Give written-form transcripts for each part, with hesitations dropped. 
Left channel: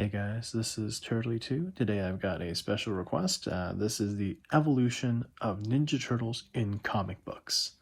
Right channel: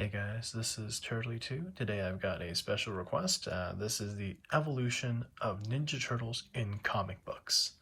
Hey guys, this is Turtley2. Today I've got a special request. This is the evolution of Ninja Turtles in comic books.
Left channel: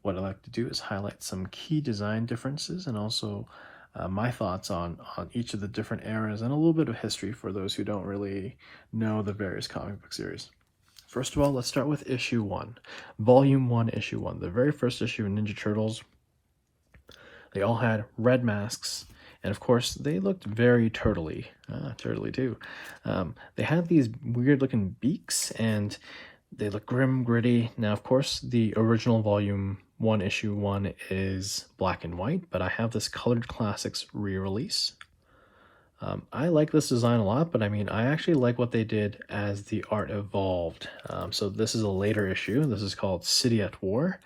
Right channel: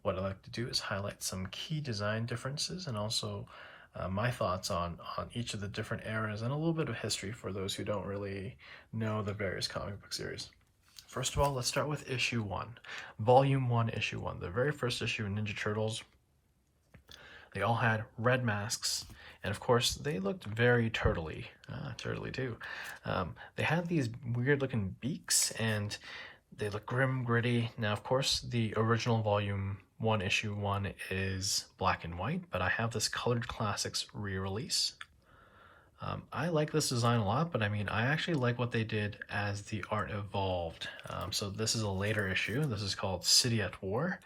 What I like to do is highlight some key design differences and also my thoughts on each of the different eras and a little bit of history for those who don't really know the various comic book series. First of all, let's start with issue 1. Volume 1, issue 1. The very first issue of Ninja Turtles. They all had red masks. And of course, they looked very turtley. Turtley too. They had these weird looking beaks and they look grim, gritty. Now, of course, the original volume 1, issue 1 is black and white, but I have this Colored Classics re-release. I like this design a lot, but I mean, I actually like what they did as the art evolved. So this is a later issue. This is called City at War.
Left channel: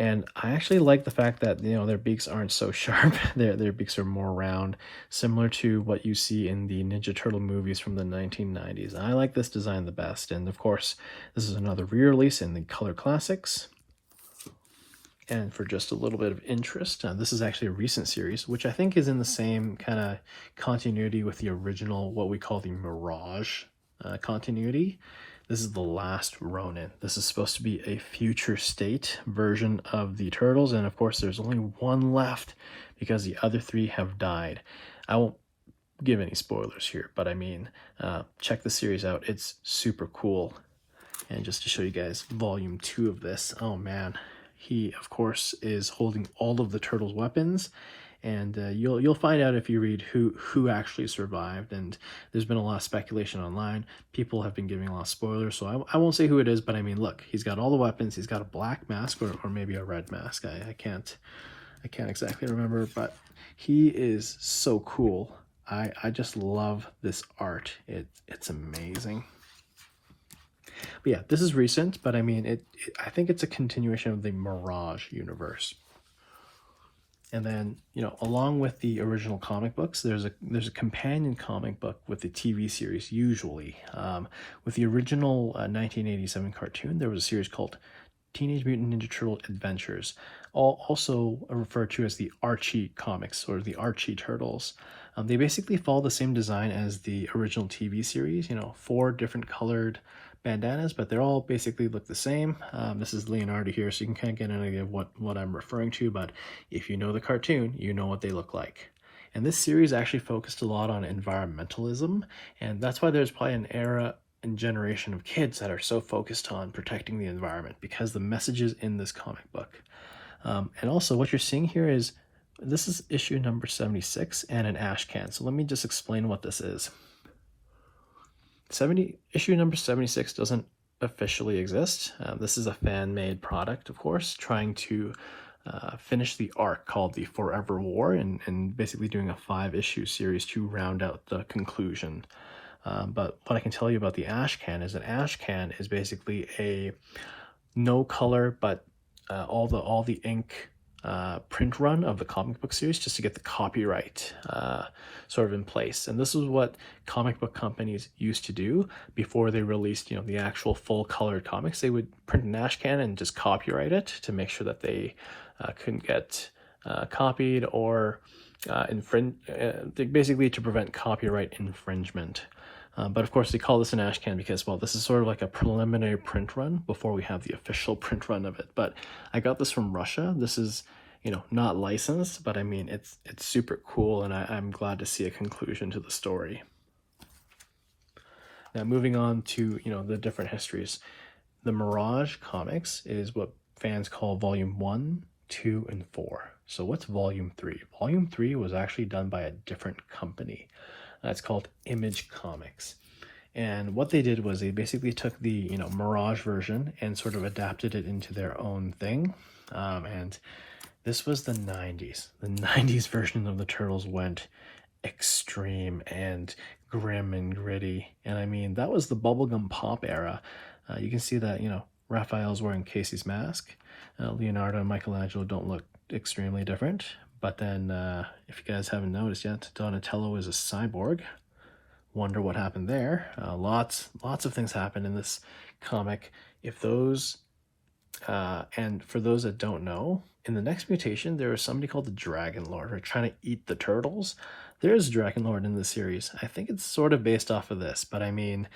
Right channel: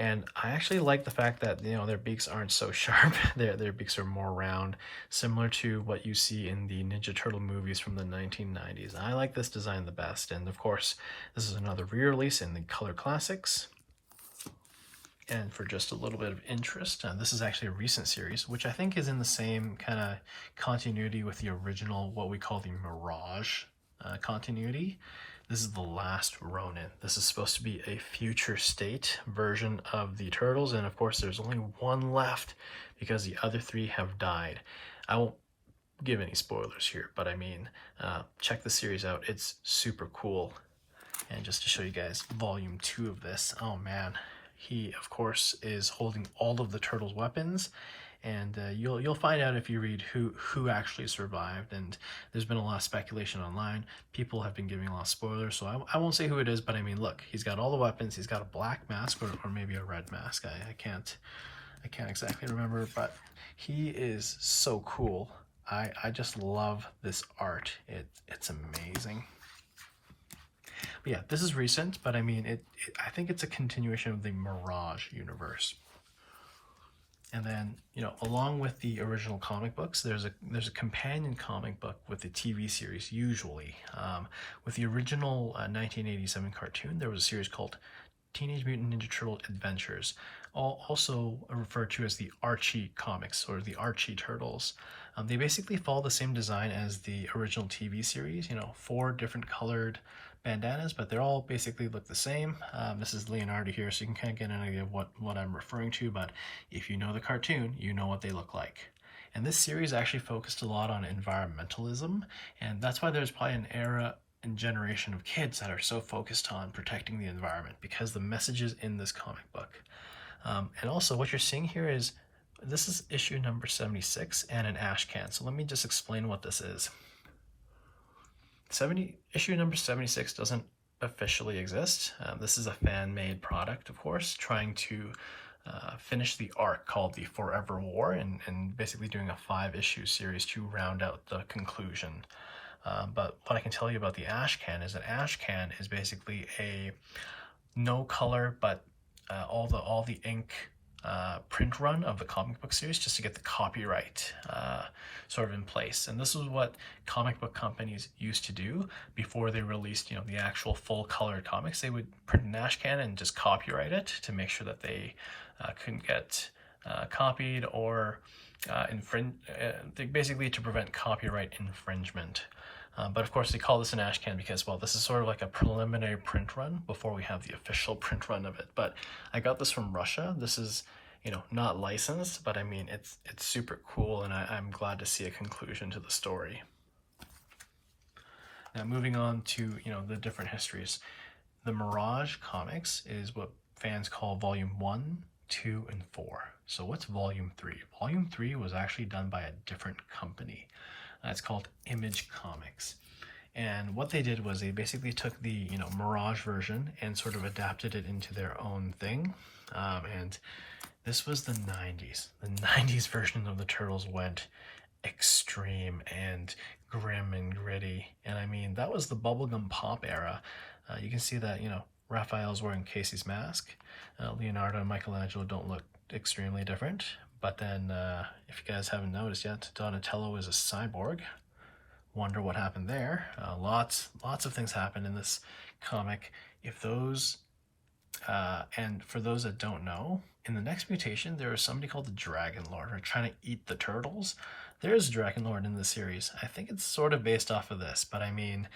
And I actually like the fact that, you know, their beaks aren't so sharp. Their beaks are more round, similar to what you see in the Ninja Turtle movies from the 1990s. And I like this design the best. And of course, this is another re-release in the Color Classics. And for just a little bit of interest, this is actually a recent series, which I think is in the same kind of continuity with the original, what we call the Mirage continuity. This is the last Ronin. This is supposed to be a future state version of the Turtles, and of course there's only one left because the other 3 have died. I won't give any spoilers here, but I mean, check the series out. It's super cool. And just to show you guys volume 2 of this, oh man, he of course is holding all of the Turtles' weapons. And you'll find out if you read who actually survived. And there's been a lot of speculation online. People have been giving a lot of spoilers, so I won't say who it is. But I mean, look, he's got all the weapons. He's got a black mask or maybe a red mask. I can't exactly remember, but he is so cool. I just love this art. It's amazing. But yeah, this is recent, but I mean, I think it's a continuation of the Mirage universe. And then, you know, along with the original comic books, there's a companion comic book with the TV series, usually. With the original 1987 cartoon, there was a series called Teenage Mutant Ninja Turtle Adventures, also referred to as the Archie comics, or the Archie Turtles. They basically follow the same design as the original TV series, you know, 4 different colored bandanas, but they're all basically look the same. This is Leonardo here, so you can kind of get an idea of what I'm referring to, but if you know the cartoon, you know what they look like. And this series actually focused a lot on environmentalism, and that's why there's probably an era and generation of kids that are so focused on protecting the environment, because the messages in this comic book. And also what you're seeing here is, this is issue number 76 and an ash can. So let me just explain what this is. Issue number 76 doesn't officially exist. This is a fan-made product, of course, trying to finish the arc called the Forever War and basically doing a 5-issue series to round out the conclusion. But what I can tell you about the ash can is an ash can is basically a no color, but all the ink print run of the comic book series just to get the copyright sort of in place. And this is what comic book companies used to do before they released, you know, the actual full colored comics. They would print an ash can and just copyright it to make sure that they couldn't get copied or basically to prevent copyright infringement. But of course they call this an ash can because, well, this is sort of like a preliminary print run before we have the official print run of it. But I got this from Russia. This is, you know, not licensed, but I mean, it's super cool, and I'm glad to see a conclusion to the story. Now, moving on to, you know, the different histories. The Mirage comics is what fans call volume 1, 2, and 4. So what's volume 3? Volume 3 was actually done by a different company. It's called Image Comics. And what they did was they basically took the, you know, Mirage version and sort of adapted it into their own thing. And this was the 90s. The 90s version of the Turtles went extreme and grim and gritty. And I mean, that was the bubblegum pop era. You can see that, you know, Raphael's wearing Casey's mask. Leonardo and Michelangelo don't look extremely different. But then, if you guys haven't noticed yet, Donatello is a cyborg. Wonder what happened there. Lots of things happen in this comic. If those, and for those that don't know, in the next mutation, there is somebody called the Dragon Lord who are trying to eat the turtles. There is Dragon Lord in this series. I think it's sort of based off of this, but I mean,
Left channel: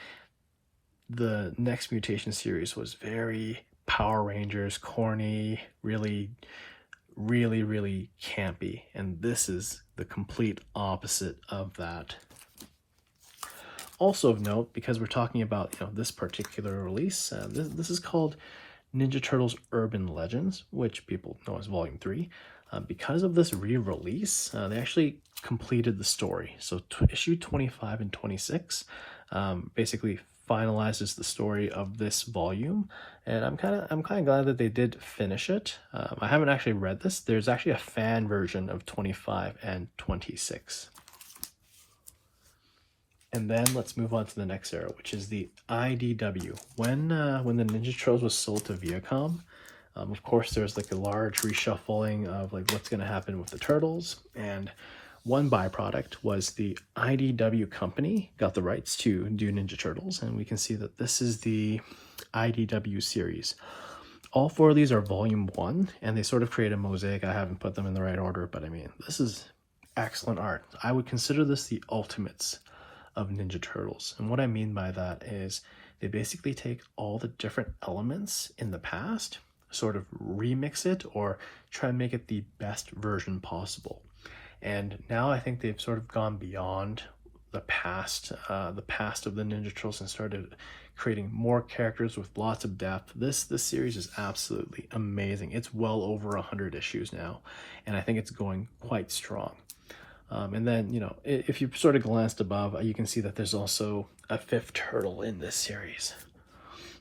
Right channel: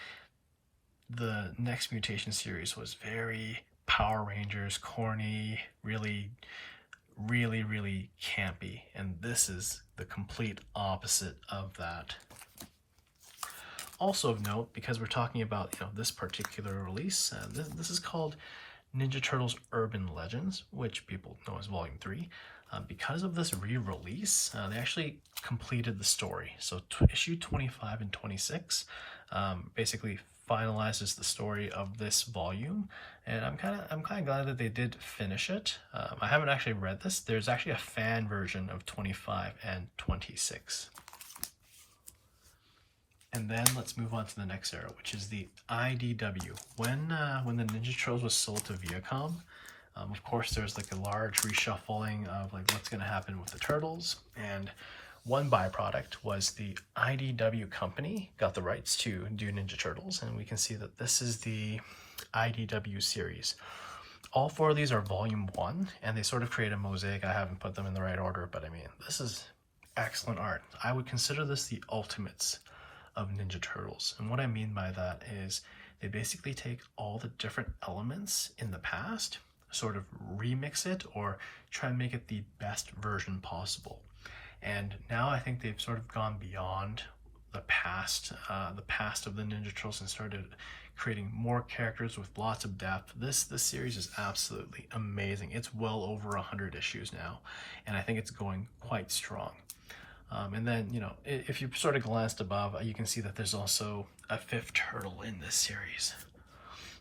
the next mutation series was very Power Rangers, corny, really campy, and this is the complete opposite of that. Also of note, because we're talking about this particular release, this is called Ninja Turtles Urban Legends, which people know as Volume 3. Because of this re-release, they actually completed the story. So issue 25 and 26 basically finalizes the story of this volume, and I'm kind of glad that they did finish it. I haven't actually read this. There's actually a fan version of 25 and 26. And then let's move on to the next era, which is the IDW. When the Ninja Turtles was sold to Viacom, of course there's like a large reshuffling of like what's going to happen with the Turtles, and one byproduct was the IDW company got the rights to do Ninja Turtles, and we can see that this is the IDW series. All 4 of these are volume 1, and they sort of create a mosaic. I haven't put them in the right order, but I mean, this is excellent art. I would consider this the ultimates of Ninja Turtles. And what I mean by that is they basically take all the different elements in the past, sort of remix it or try and make it the best version possible. And now I think they've sort of gone beyond the past of the Ninja Turtles and started creating more characters with lots of depth. This series is absolutely amazing. It's well over 100 issues now, and I think it's going quite strong. And then, if you sort of glanced above, you can see that there's also a 5th turtle in this series.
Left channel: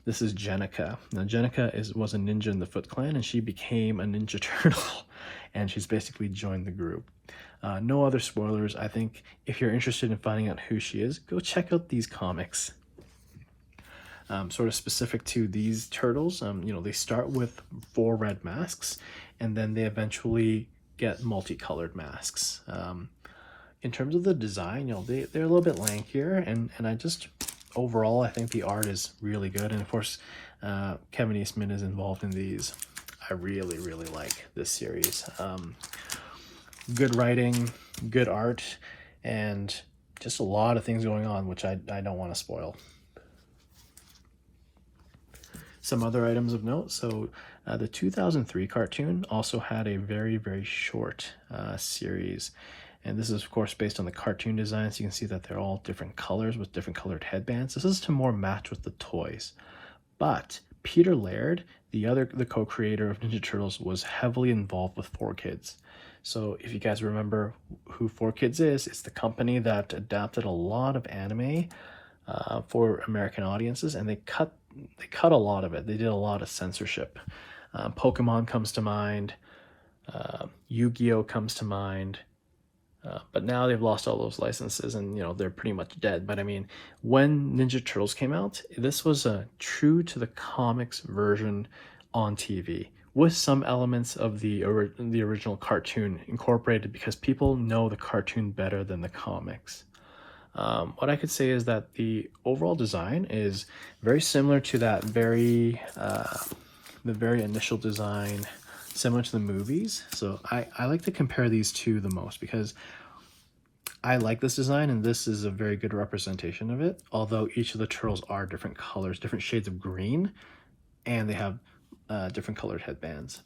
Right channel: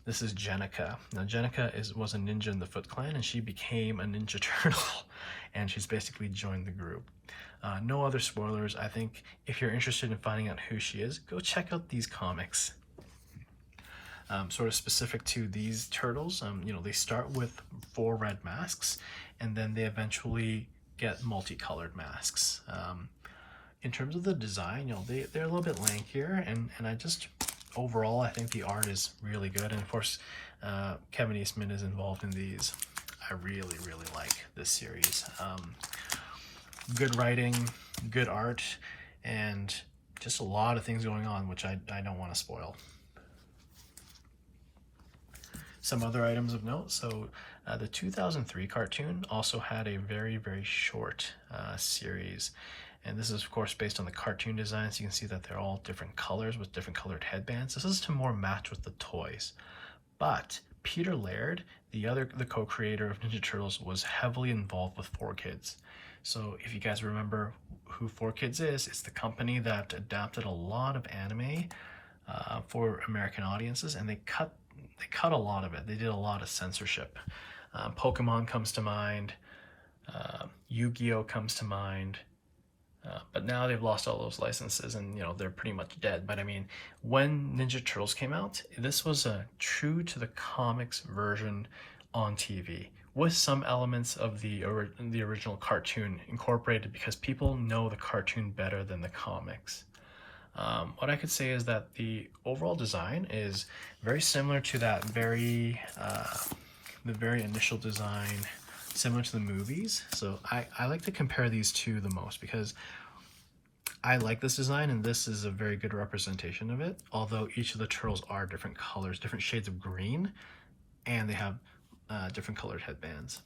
This is Jenica. Now, Jenica was a ninja in the Foot Clan, and she became a Ninja Turtle, and she's basically joined the group. No other spoilers. I think if you're interested in finding out who she is, go check out these comics. Sort of specific to these turtles, they start with 4 red masks, and then they eventually get multicolored masks. In terms of the design, they're a little bit lankier, and I just, overall, I think the art is really good. And of course, Kevin Eastman is involved in these. I really like this series. Good writing, good art, and just a lot of things going on, which I don't want to spoil. Some other items of note. So the 2003 cartoon also had a very short series. And this is, of course, based on the cartoon designs. You can see that they're all different colors with different colored headbands. This is to more match with the toys. But Peter Laird, the co-creator of Ninja Turtles, was heavily involved with 4Kids. So if you guys remember who 4Kids is, it's the company that adapted a lot of anime for American audiences, and they cut a lot of it. They did a lot of censorship. Pokemon comes to mind. Yu-Gi-Oh comes to mind. But now they've lost all those licenses, and they're pretty much dead. But I mean, when Ninja Turtles came out, this was a true to the comics version on TV, with some elements of the original cartoon incorporated, because people know the cartoon better than the comics. What I could say is that the overall design is very similar to that the very initial design, similar to the movies. So I like to compare these two the most, because I like this design, and this is a very good representation of it, although each of the turtles are different colors, different shades of green, and they have different colored headbands.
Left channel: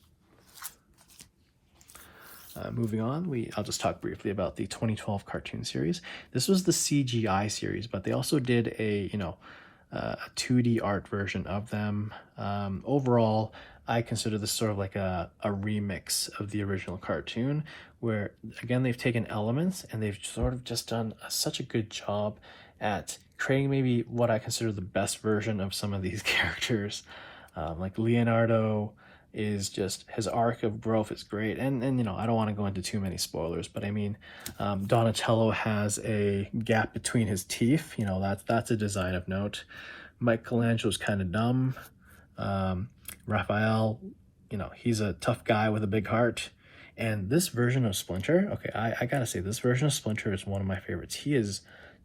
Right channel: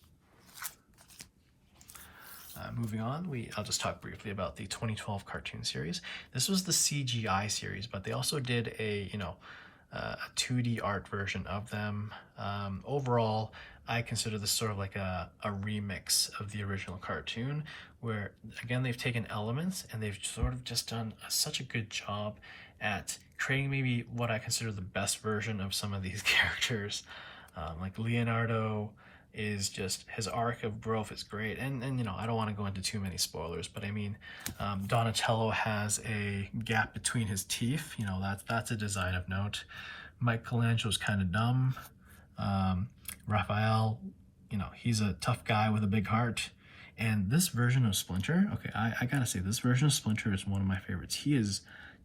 Moving on, I'll just talk briefly about the 2012 cartoon series. This was the CGI series, but they also did a 2D art version of them. Overall, I consider this sort of like a remix of the original cartoon, where again they've taken elements and they've sort of just done such a good job at creating maybe what I consider the best version of some of these characters. Like Leonardo is just, his arc of growth is great, and I don't want to go into too many spoilers, but I mean, Donatello has a gap between his teeth. That's a design of note. Michelangelo's kind of dumb. Raphael, he's a tough guy with a big heart. And this version of Splinter, okay, I gotta say, this version of Splinter is one of my favorites. He is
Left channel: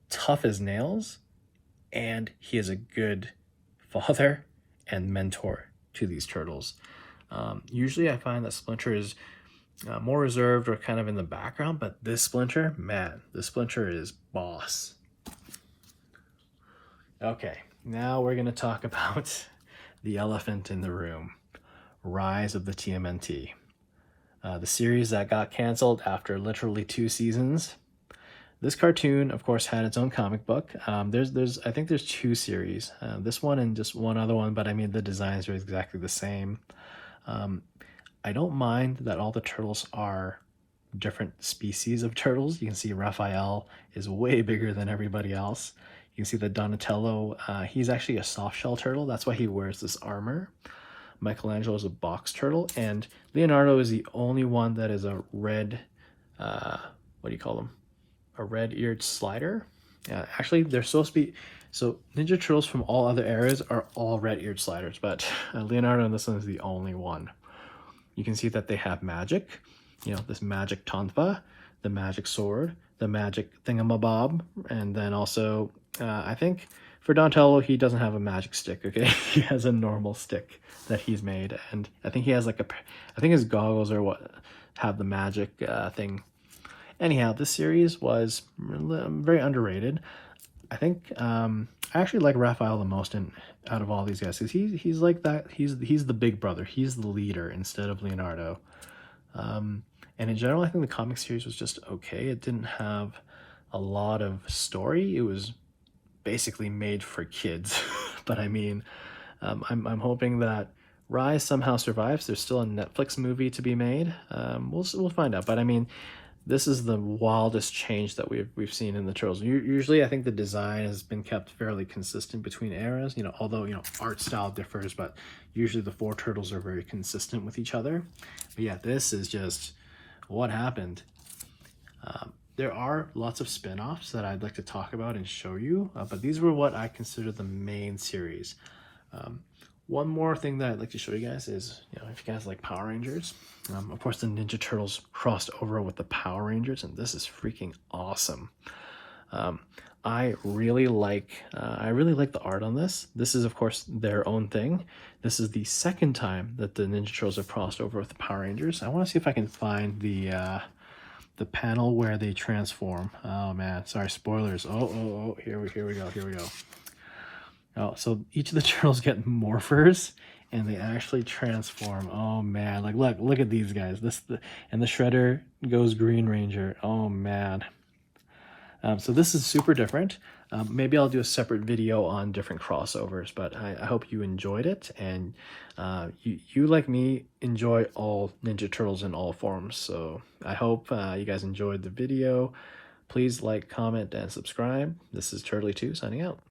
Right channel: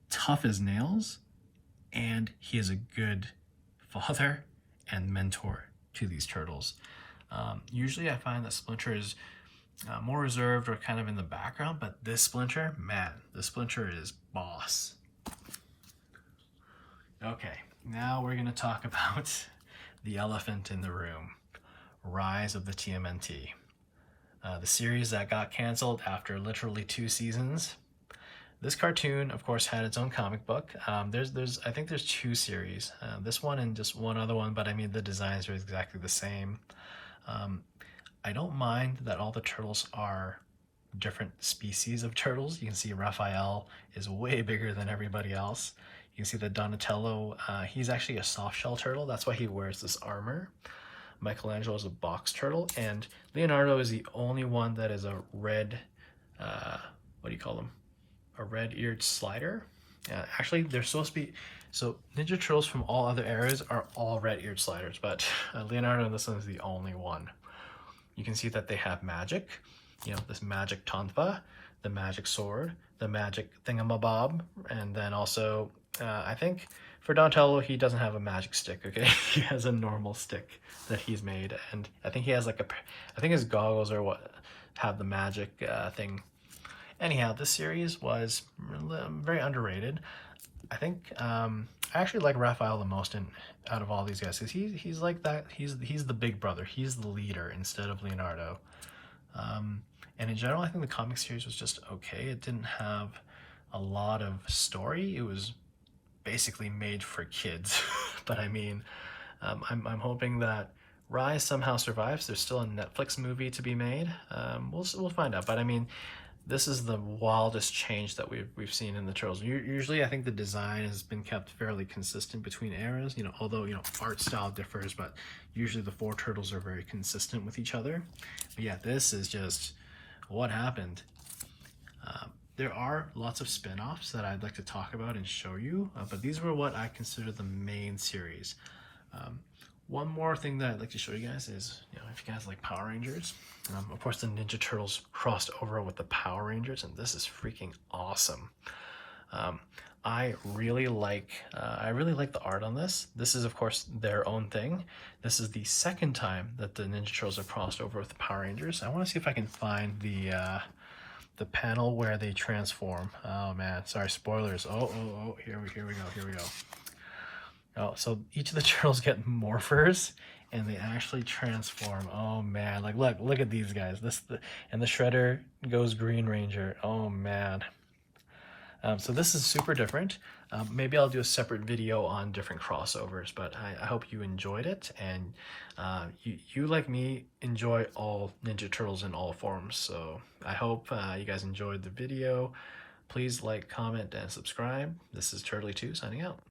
tough as nails, and he is a good father and mentor to these turtles. Usually I find that Splinter is more reserved or kind of in the background, but this Splinter, man, this Splinter is boss. Okay, now we're going to talk about the elephant in the room, Rise of the TMNT. The series that got canceled after literally 2 seasons. This cartoon, of course, had its own comic book. I think there's 2 series. This one and just one other one, but I mean the designs are exactly the same. I don't mind that all the turtles are different species of turtles. You can see Raphael is way bigger than everybody else. You can see that Donatello, he's actually a soft shell turtle. That's why he wears this armor. Michelangelo is a box turtle, and Leonardo is the only one that is a red, what do you call them? A red-eared slider. Actually, they're supposed to be, so Ninja Turtles from all other eras are all red-eared sliders, but Leonardo in this one is the only one. You can see that they have magic, you know, this magic tonfa, the magic sword, the magic thingamabob, and then also, I think for Donatello, he doesn't have a magic stick, okay? He has a normal stick that he's made, and I think he has like I think his goggles are what have the magic thing. Anyhow, this series was very underrated. I think I actually like Raphael the most out of all these guys. He's like that. He's the big brother. He's the leader instead of Leonardo. And in general, I think the comic series was just okay. It didn't have a lot of story. It was basically made for kids. But I mean, I'm hoping that Rise somehow survives. There's still a Netflix movie to be made. We'll find out. But I mean, this is the wildest change that we've seen in the Turtles. Usually, I think the design has been kept fairly consistent between eras. You know, although art style differs, but usually the 4 Turtles are very consistent with each other. But yeah, this is just what happened. There are lots of spin-offs that I'd like to talk about and show you, but these were what I consider the main series. One more thing that I'd like to show you guys is, if you guys like Power Rangers, of course the Ninja Turtles crossed over with the Power Rangers, and this is freaking awesome. I really like the art on this. This is, of course, their own thing. This is the second time that the Ninja Turtles have crossed over with the Power Rangers. I want to see if I can find the panel where they transform. Oh man, sorry, spoilers. Oh, here we go. Oh, so each of the turtles get morphers, and they actually transform. Oh man, like look at these guys. And the Shredder goes Green Ranger. Oh man. So this is super different. Maybe I'll do a separate video on different crossovers, but I hope you enjoyed it, and you like me enjoy all Ninja Turtles in all forms. So I hope you guys enjoyed the video. Please like, comment, and subscribe. This is Turtley2 signing out.